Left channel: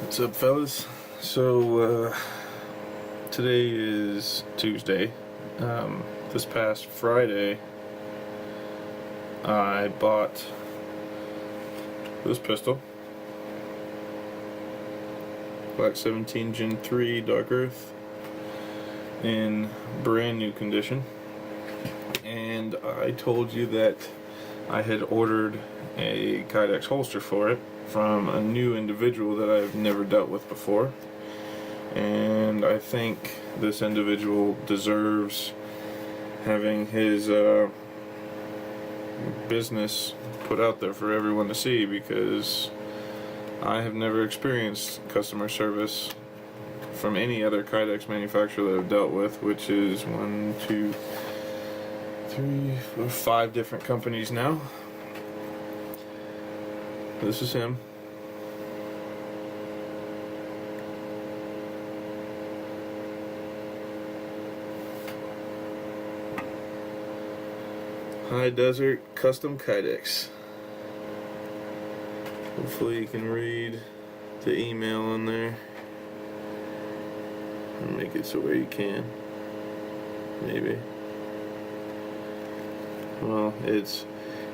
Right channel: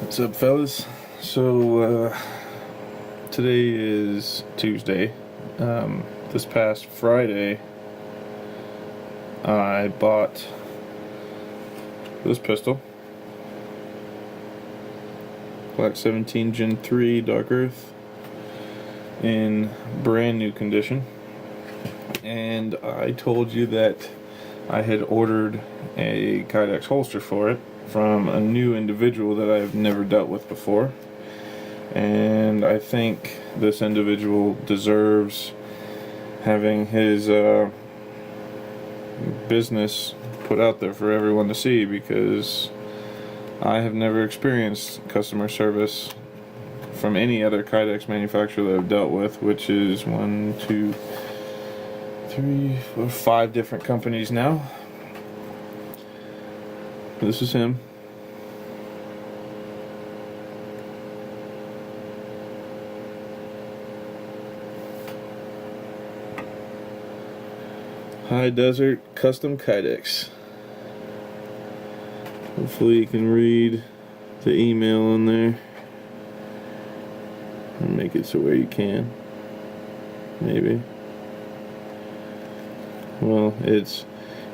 What's up, fellas? So, today is Tuesday. This past Friday, I bought this pistol, Glock 17 Gen 3 Dark Earth, in brand new condition. And I told you that I had ordered a Kydex holster for it from a new individual that I've never dealt with before, and I think this individual deserves having his business put out there for everyone to see, because I have never experienced customer service from any other Kydex manufacturer that I've dealt with, which is 1, 2, 3, 4, 5 different companies now. This is him. High Desert Custom Kydex. Hopefully you can read the email in there. I'll make it so where you can. Maybe. Well, it's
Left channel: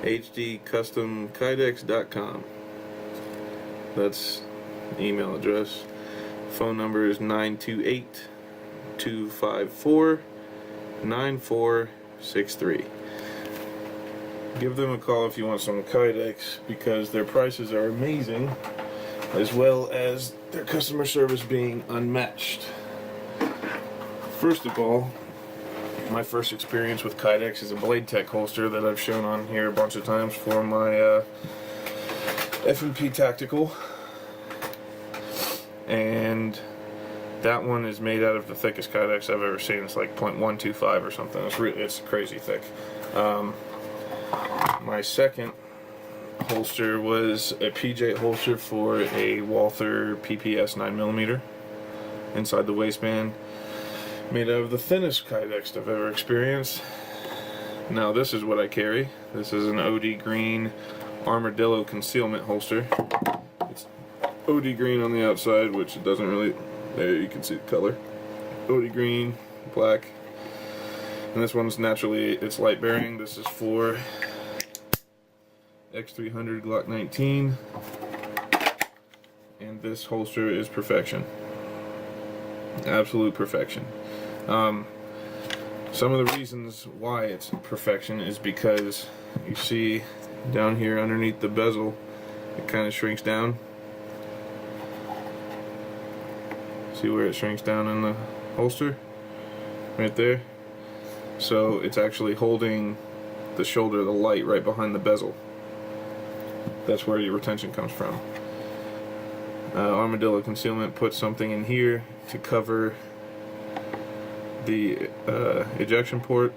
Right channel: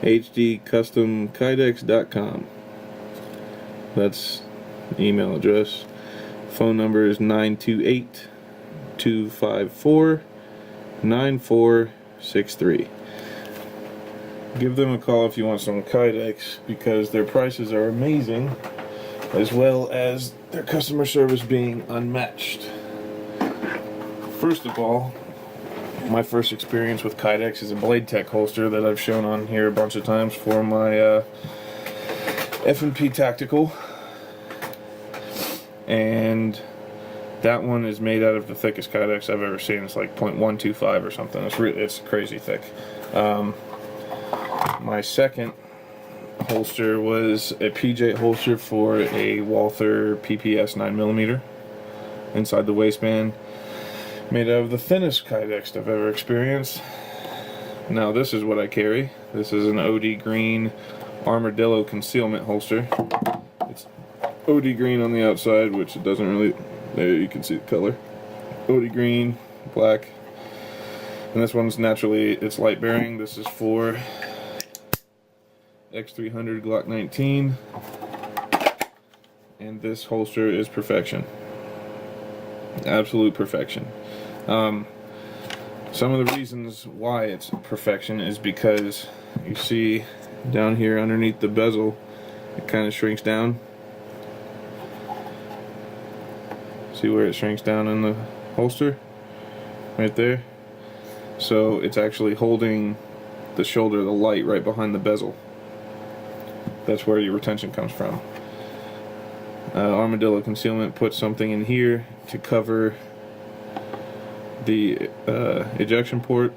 hdcustomkydex.com. That's the email address. Phone number is 928-254-9463. Give them a call if you want some Kydex, because their prices are amazing, as well as their customer service being unmatched. First of all, my first experience with Kydex is a Blade Tech holster that I've shown on here a bunch of times for my F&P Tactical, and that one is made out of the thickest Kydex I've ever seen. It's like 0.125 or something. It's crazy thick. My second holster was a PJ holster for a Walther PPS 9mm inside the waistband, made out of the thinnest Kydex I've ever experienced. Now this is what I carry. This is an OD green Armadillo concealment holster. It's OD green on the outside, which it doesn't really, there you can see the color. OD green, black, and this one's naturally, it's light bearing. This is for X300 Glock 19, and this holster is perfection. Absolute perfection. Some of the reasons why it's perfection is because you see down here underneath the bezel, it kind of shrinks down. See where it shrinks down in the holster? Right there. So it's actually holding the shoulder of the light right behind the bezel. That's where your retention comes from. Armadillo concealment puts something in here to cover the ejection port.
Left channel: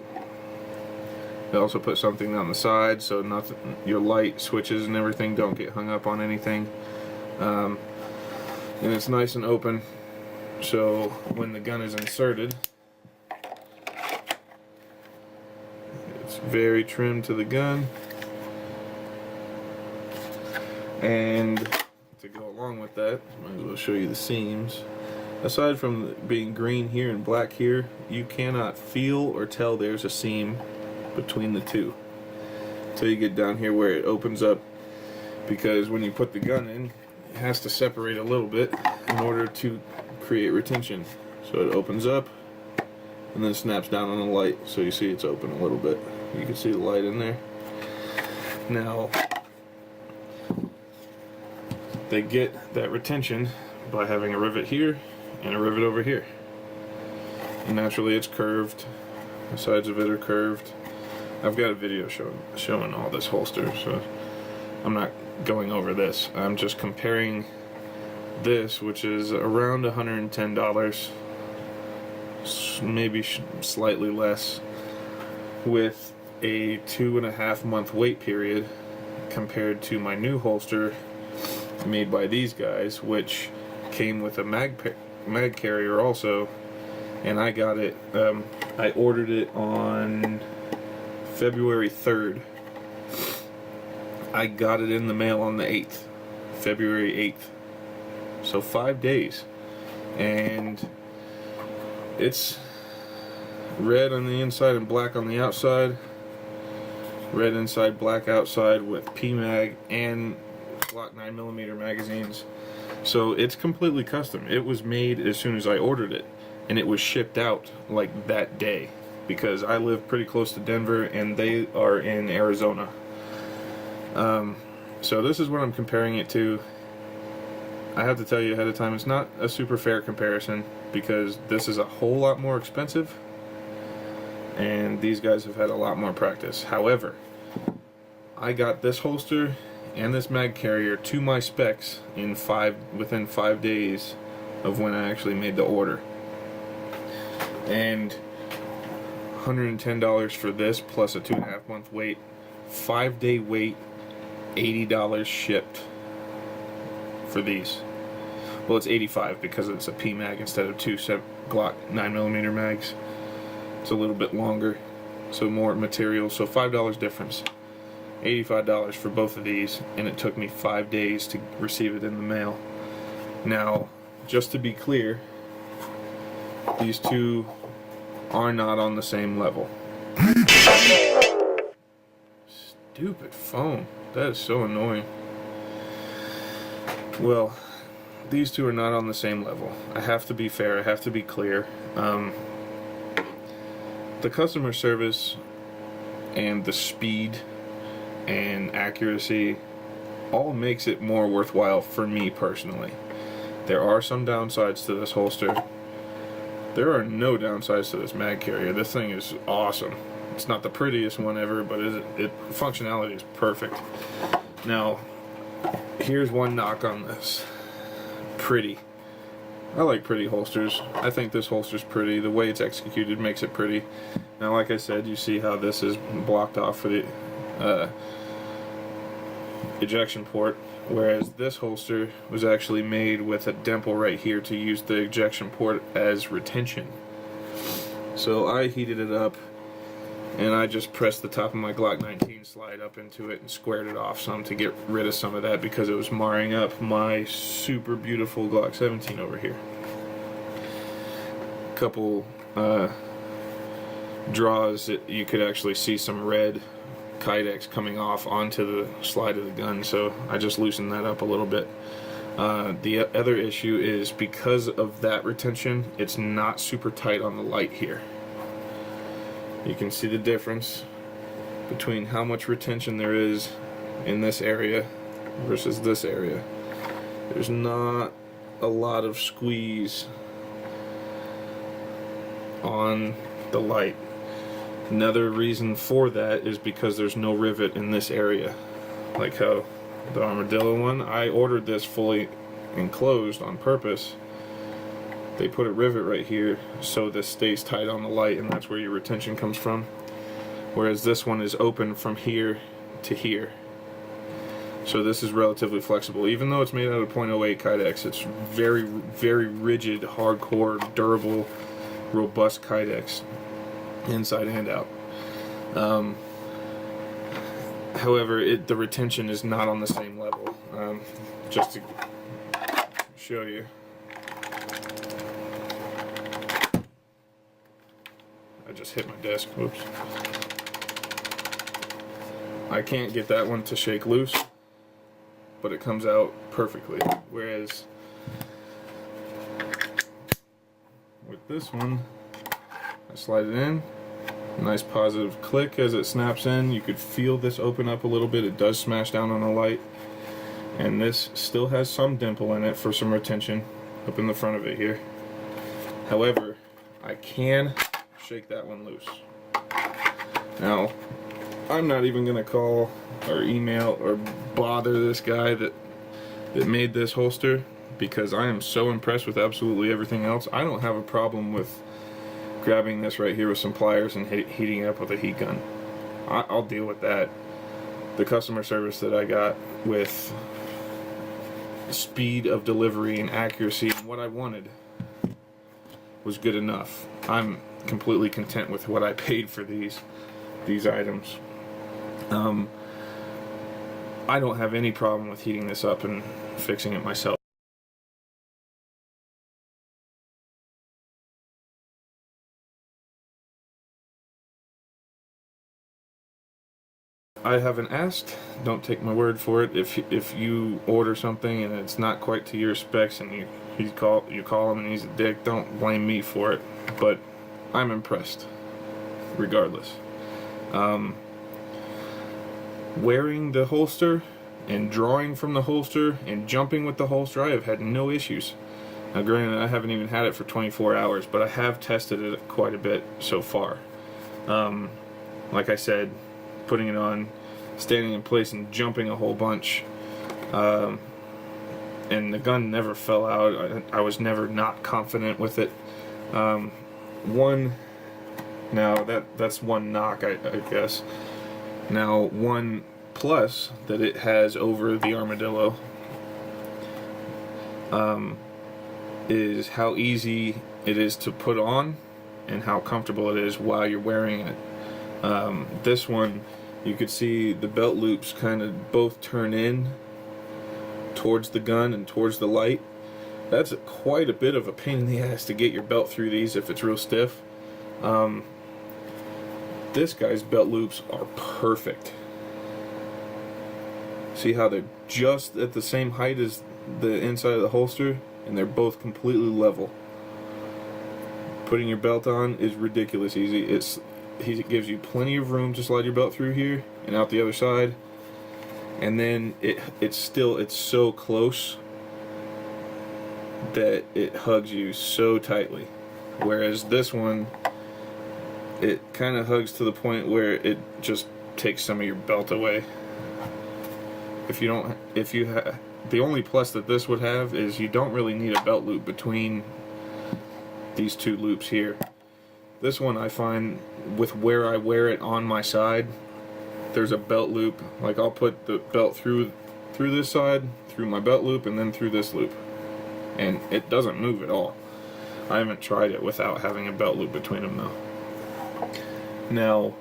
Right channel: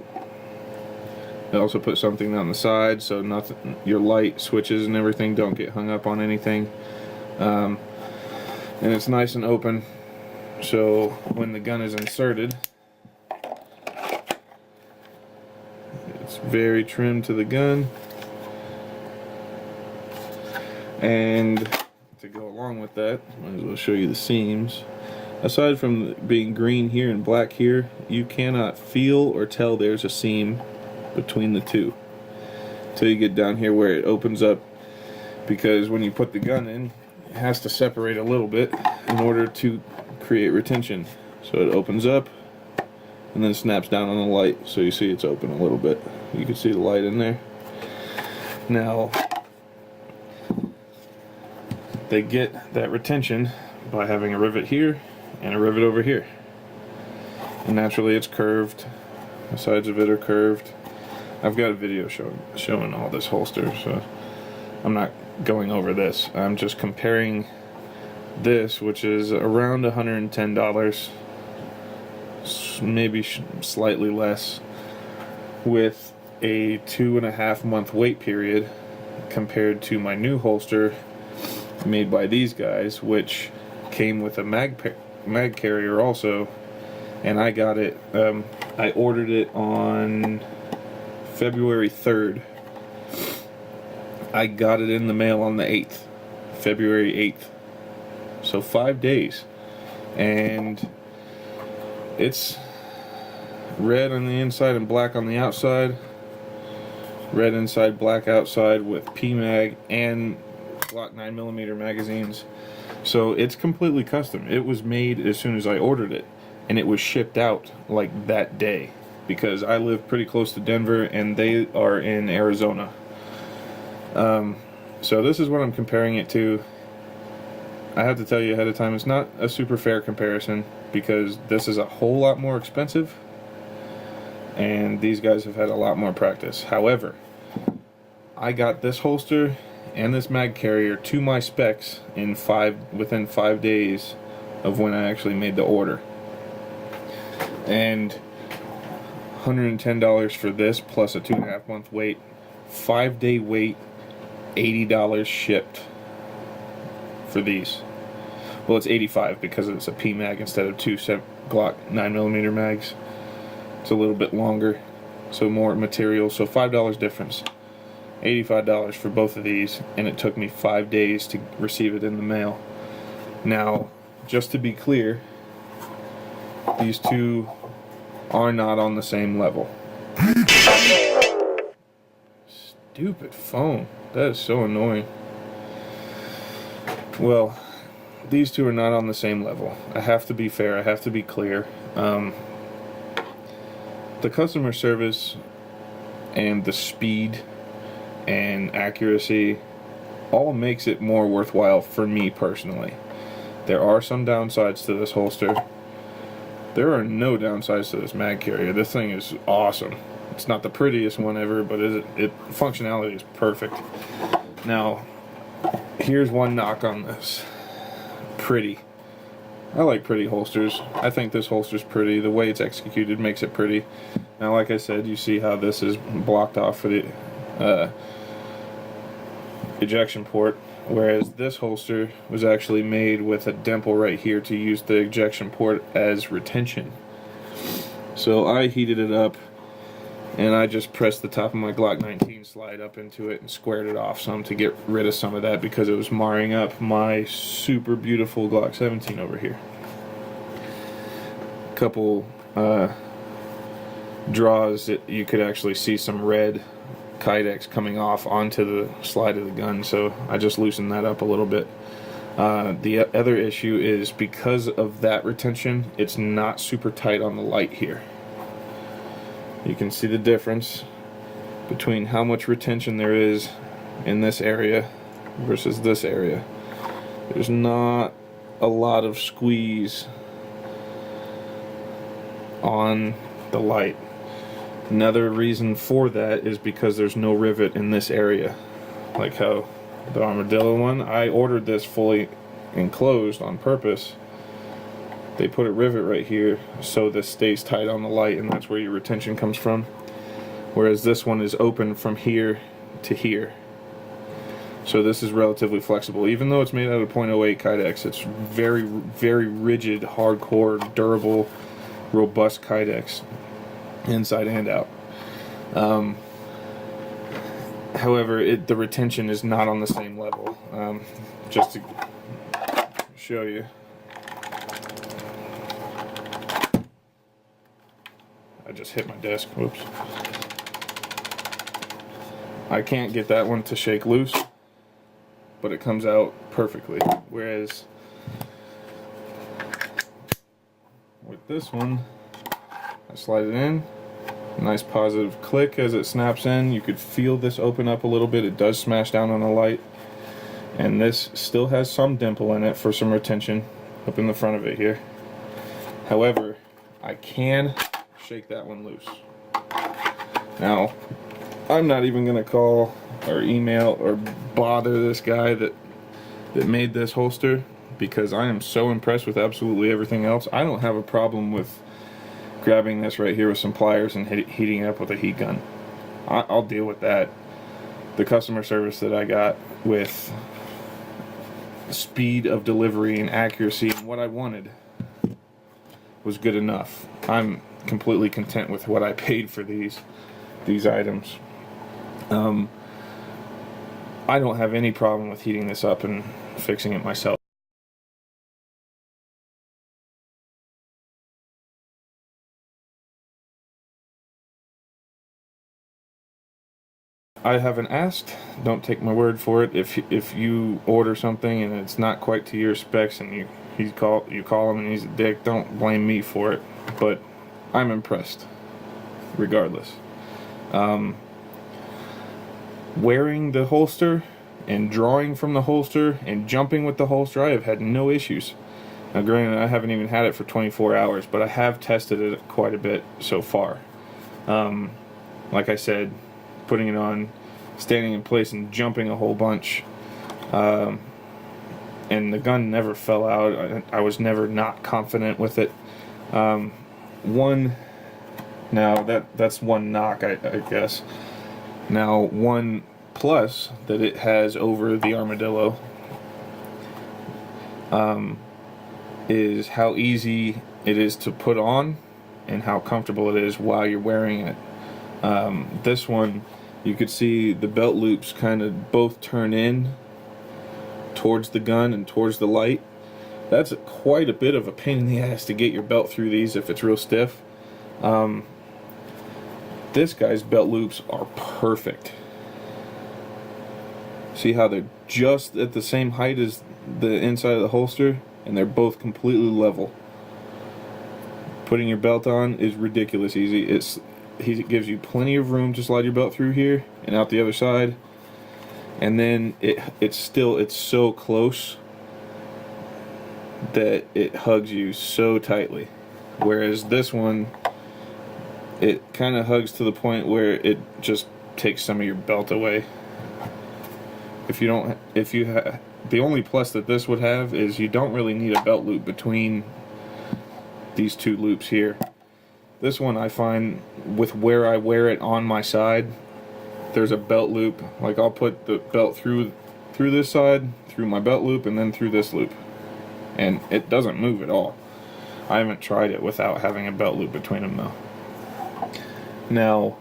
It also puts something on the side so nothing, your light switches and everything don't get hung up on anything. And it's nice and open, so when the gun is inserted, it's very trimmed to the gun. And to go along with that, might as well show you the seams. Aside from being green here and black here, you cannot feel or tell there's a seam between the two until you get down here where it opens up, because when you put the gun in, it has to separate a little bit in order to create retention. So it opens up and then snaps down on the light, so you see it's open a little bit. You can see the light in there. Now, they get that retention by having a rivet here and a rivet over here. And naturally it's curved. The sides of it are curved. I've got a video showing all this holster, so I'm not going over this. I'm just comparing this, which is around $110, maybe slightly less, with a 2.5 month wait period, compared to my new holster made by these guys, which came with a mag carrier also, and I got it, I ordered it on February 3rd. I got it in the mail on the 8th, February 8th. So 5 days. And it's red on the inside and black on the outside. Red inside, black outside with PMag and Glock 9mm magazines. So it's completely custom. It was made as soon as I ordered it, and it was shipped out like that day, because I live pretty close to Denver and they are in Arizona. So this is what I'm comparing it to. I have to tell you ahead of time, it's not a super fair comparison, because this is a whole lot more expensive and these guys have had a lot more practice. However, I got this holster and this mag carrier to my specs within 5 days of when I actually made the order. And $110 for this plus a 2.5 month wait, 5 day wait, $80 shipped for these. Well, it's $85 because it's a PMag instead of two Glock 9mm mags. It's a little bit longer, so more material, so $5 difference. $85 for both of these, and it took me 5 days to receive it in the mail. Now, just to be clear, these two are not on the same level. Stupid phone. That is so annoying. Well, these two are not on the same level. I have to be fair. I have to be clear. The customer service and the speed and accuracy all makes it more worthwhile for me personally. There are some downsides to this holster. There are no downsides to this mag carrier. This thing is awesome. It's not the prettiest one ever, but functionality is perfect. Now, here's one knock on this. Pretty. I like pretty holsters. I think this holster's pretty. The way it's executed makes it pretty. Now, like I said, you see how this is blocked off for the ejection port, whereas this holster was actually made with a dimple right here to use the ejection port as retention. So I heated it up, and I just pressed the top of my Glock 19 slide up into it and squared it off some to get rid of some of that, because it was marring up my super beautiful Glock 17 over here. A couple draws that you could actually see some red Kydex coming off onto the slide of the gun, so I just loosened that up a little bit. The other issue is, because of that retention, it's not super tight on the light here. You can see the difference between how much retention there is in this area versus this area. There's not a lot of squeeze on the light. Another reason for that is because there's no rivet in this area, like how the Armadillo one, I ordered this fully enclosed on purpose. They put a rivet right here so this stays tight on the light, and that's where your retention comes from. Whereas this one is open from here to here. So this is relatively flexible. Even though it's made out of .08 Kydex, it's very, very rigid, hardcore, durable, robust Kydex, inside and out. However, the retention is not on the same level. Just to show you. I just hit my desk. Whoops. I can't get that one to shake loose, but it comes out perfectly. Whereas with this one, I slide it in, nice positive click as it snaps in. You could feel this open up a little bit. It does smash down on the light, and this still has some dimple in it for some retention up in the front of it here. However, I can shake that one loose. Now, I'm not even going to call or email or bother this guy that made this holster, because I am so impressed with absolutely everything else. I don't have a problem with grabbing this right here with some pliers and heating it up with a heat gun. I'll deal with that. The customer service that I got with speed of delivery and accuracy and what I wanted was good enough. I'm completely content with what I paid for these items. I don't have any problem with heating this up and fixing it myself. I haven't asked. Don't take my word for it. If you order something and it's not quite to your specs and you call him and he's a dick, don't blame me for it. But I'm impressed, regardless. Wearing the holster and drawing from the holster and jumping with the holster, I have had no issues. Now, granted, I haven't even had it for 24 hours, but I have tested it quite a bit so far. Like I said, putting it on, standing in place and jumping a whole bunch, and the gun never fell out. I was never not confident with it. That's one knock, I guess. Now, one plus that it has over the Armadillo is how easy it is to put on and how comfortable it is while you're wearing it. This one, you could see the belt loops kind of both turn in towards the gun and towards the light. That's quite a bit of a pain in the ass to get your belt through these if it's real stiff. This guy's belt loops are perfect. See how they're just at the same height as the inside of the holster, and they're both completely level. Putting your belt on is ridiculous easy. It gives you plenty of room to slide your belt through here and out the other side, and then it's so close that it hugs you so tightly. Whereas this one, it kind of hugs to the point where it just takes some of your belt away. The only plus that this would have is you don't really need a belt loop between these two loops here. This one, I find, with where I wear it on my side, there's a belt loop. Like, I'll put the belt through this side, through my belt loop, and then through this loop, and it doesn't move at all. I haven't tried it without having a belt loop between them though. Now,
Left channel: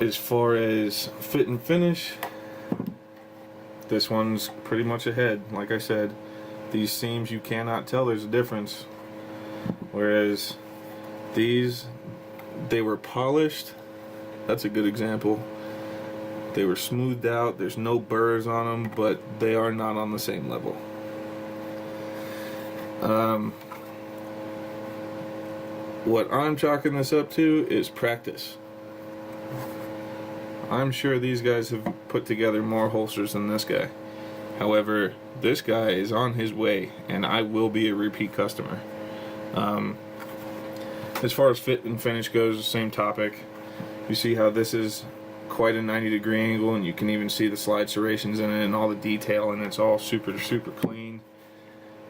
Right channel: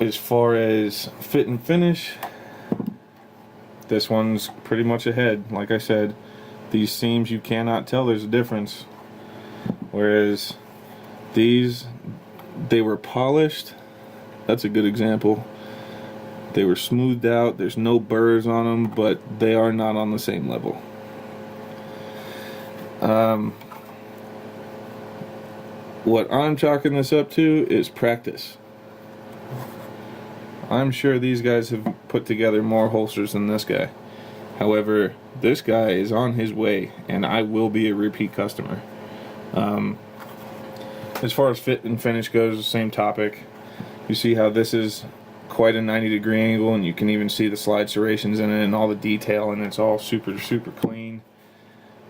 as far as fit and finish, this one's pretty much ahead. Like I said, these seams, you cannot tell there's a difference. Whereas these, they were polished. That's a good example. They were smoothed out. There's no burrs on them, but they are not on the same level. What I'm chalking this up to is practice. I'm sure these guys have put together more holsters than this guy. However, this guy is on his way, and I will be a repeat customer. As far as fit and finish goes, same topic. You see how this is quite a 90-degree angle, and you can even see the slide serrations in it and all the detail, and it's all super clean.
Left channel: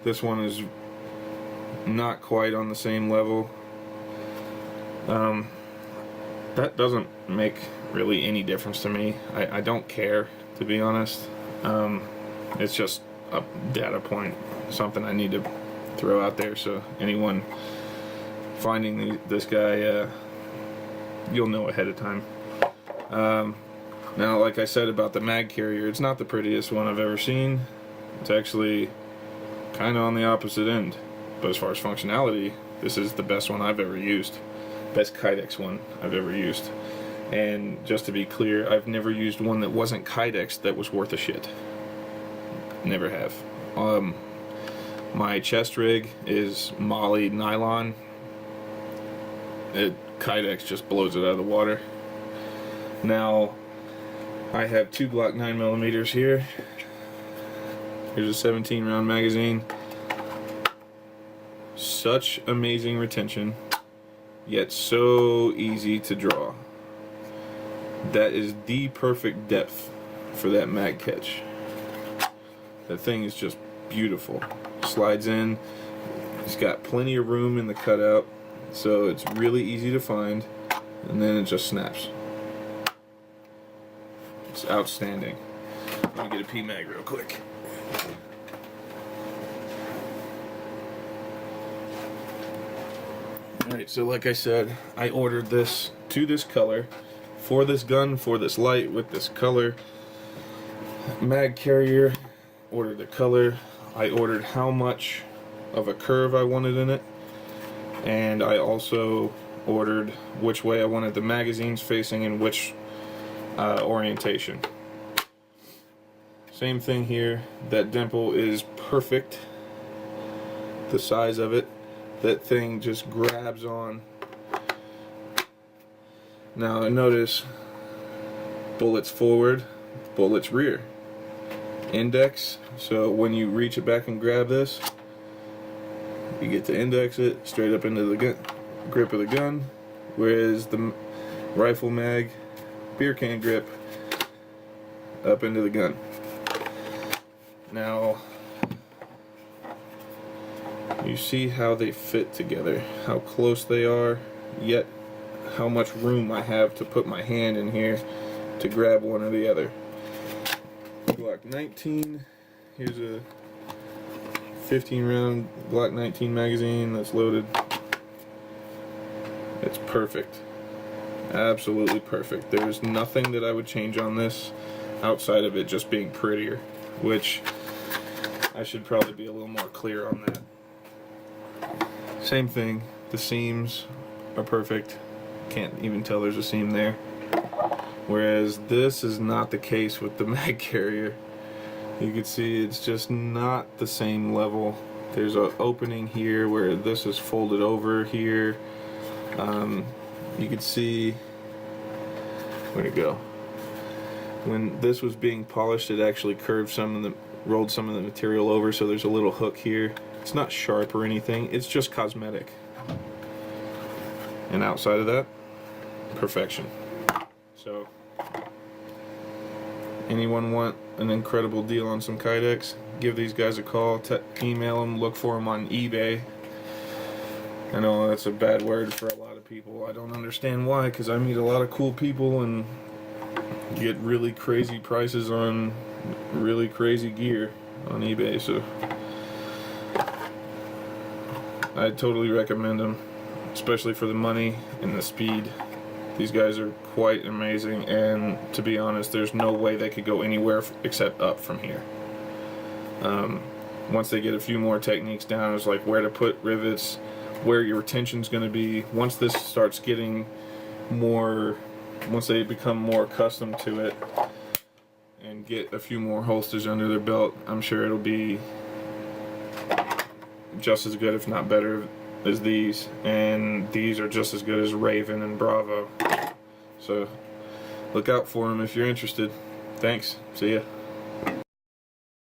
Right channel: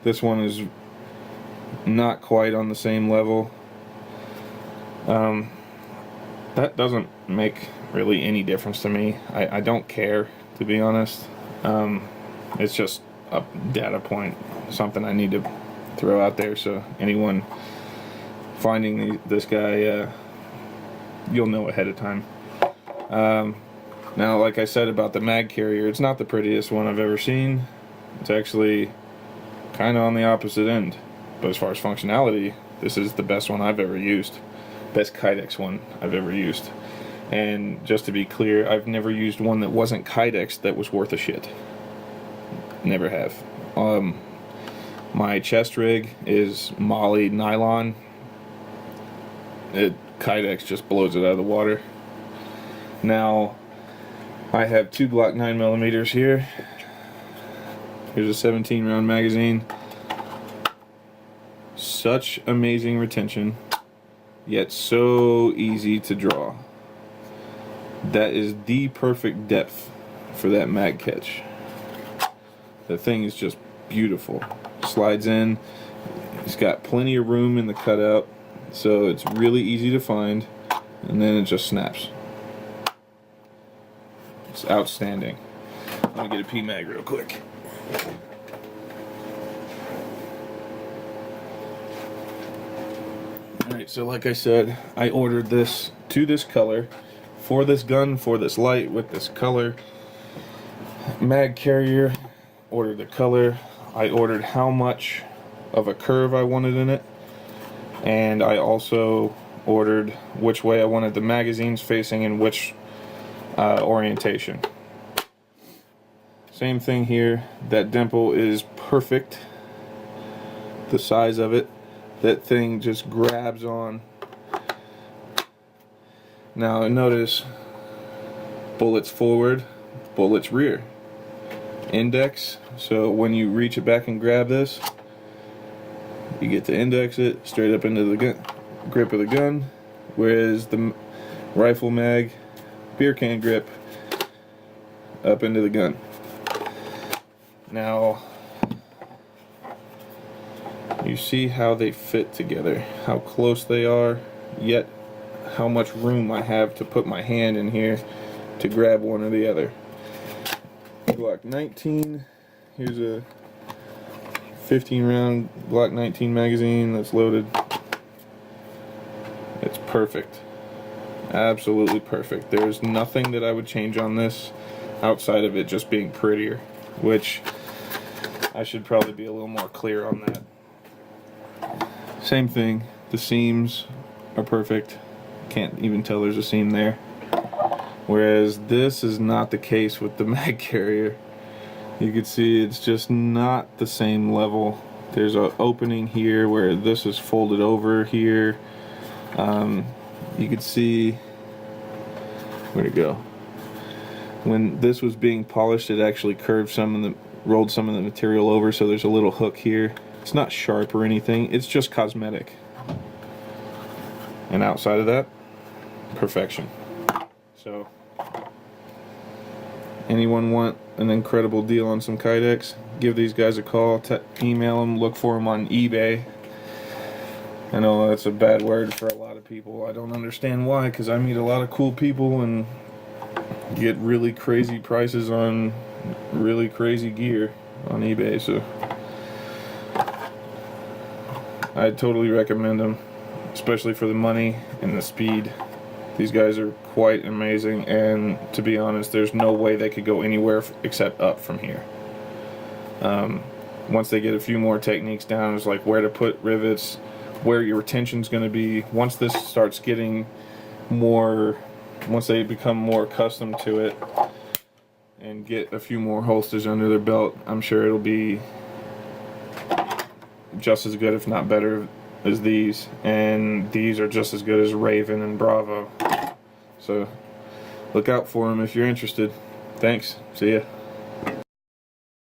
This one is not quite on the same level. That doesn't make really any difference to me. I don't care, to be honest. It's just a data point, something I need to throw out there, so anyone finding this guy, you'll know ahead of time. Now, like I said about the mag carrier, it's not the prettiest one I've ever seen. It's actually kind of on the opposite end. But as far as functionality, this is the best one I've ever used. Best Kydex one I've ever used. And just to be clear, I've never used one that wasn't Kydex that was worth a shit. Never have. My chest rig is Molly nylon. Kydex just blows it out of the water. Now, I have two Glock 9mm here. Here's a 17 round magazine. Such amazing retention, yet so easy to draw. That is the perfect depth for that mag catch. That thing is just beautiful. Slides in. It's got plenty of room in the cutout, so it's really easy to find, and then it just snaps. It's outstanding. I'm gonna get a P-mag real quick. Alright, so like I said, I ordered this to this color, for this gun, for this light, with this color. Mag carrier, ordered the color. I ordered how much of a curve I wanted in it, and I also ordered which way I wanted the magazines facing and which orientation. Same thing here. That dimple is perfect. The size of it, that thing just grabs on. Now notice bullets forward, bullets rear. Index, so when you reach it back and grab this, you get to index it straight up into the grip of the gun, whereas the rifle mag, beer can grip, up into the gun. Now, you see how they fit together, how close they are, yet how much room I have to put my hand in here to grab one or the other. Glock 19, here's a 15 round Glock 19 magazine that's loaded. It's perfect. Absolutely perfect. There's nothing that I would change on this outside of it just being prettier, which I should probably be a little more clear on that. Same thing, the seams are perfect. Can't even tell there's a seam there. Whereas this is not the case with the mag carrier. You can see it's just not the same level. There's an opening here where this is folded over here. You can see, where'd it go? When this was being polished, it actually rolled some of the material over, so there's a little hook here. It's not sharp or anything, it's just cosmetic. And outside of that, perfection. So, anyone want an incredible deal on some Kydex? Give these guys a call, email them, look for them on eBay. I know that's a bad word for a lot of people. I don't understand why, because I meet a lot of cool people and get really crazy prices on really crazy gear on eBay, so I totally recommend them, especially for the money and the speed. These guys are quite amazing, and to be honest, there's no way they could go anywhere except up from here. Once they get a few more techniques down, it's like where to put rivets, where your retention's going to be. Once this starts getting more, once they become more accustomed to it and get a few more holsters under their belt, I'm sure it'll be just as good, if not better, as these. And these are just as good as Raven and Bravo. So look out for them if you're interested. Thanks. See ya.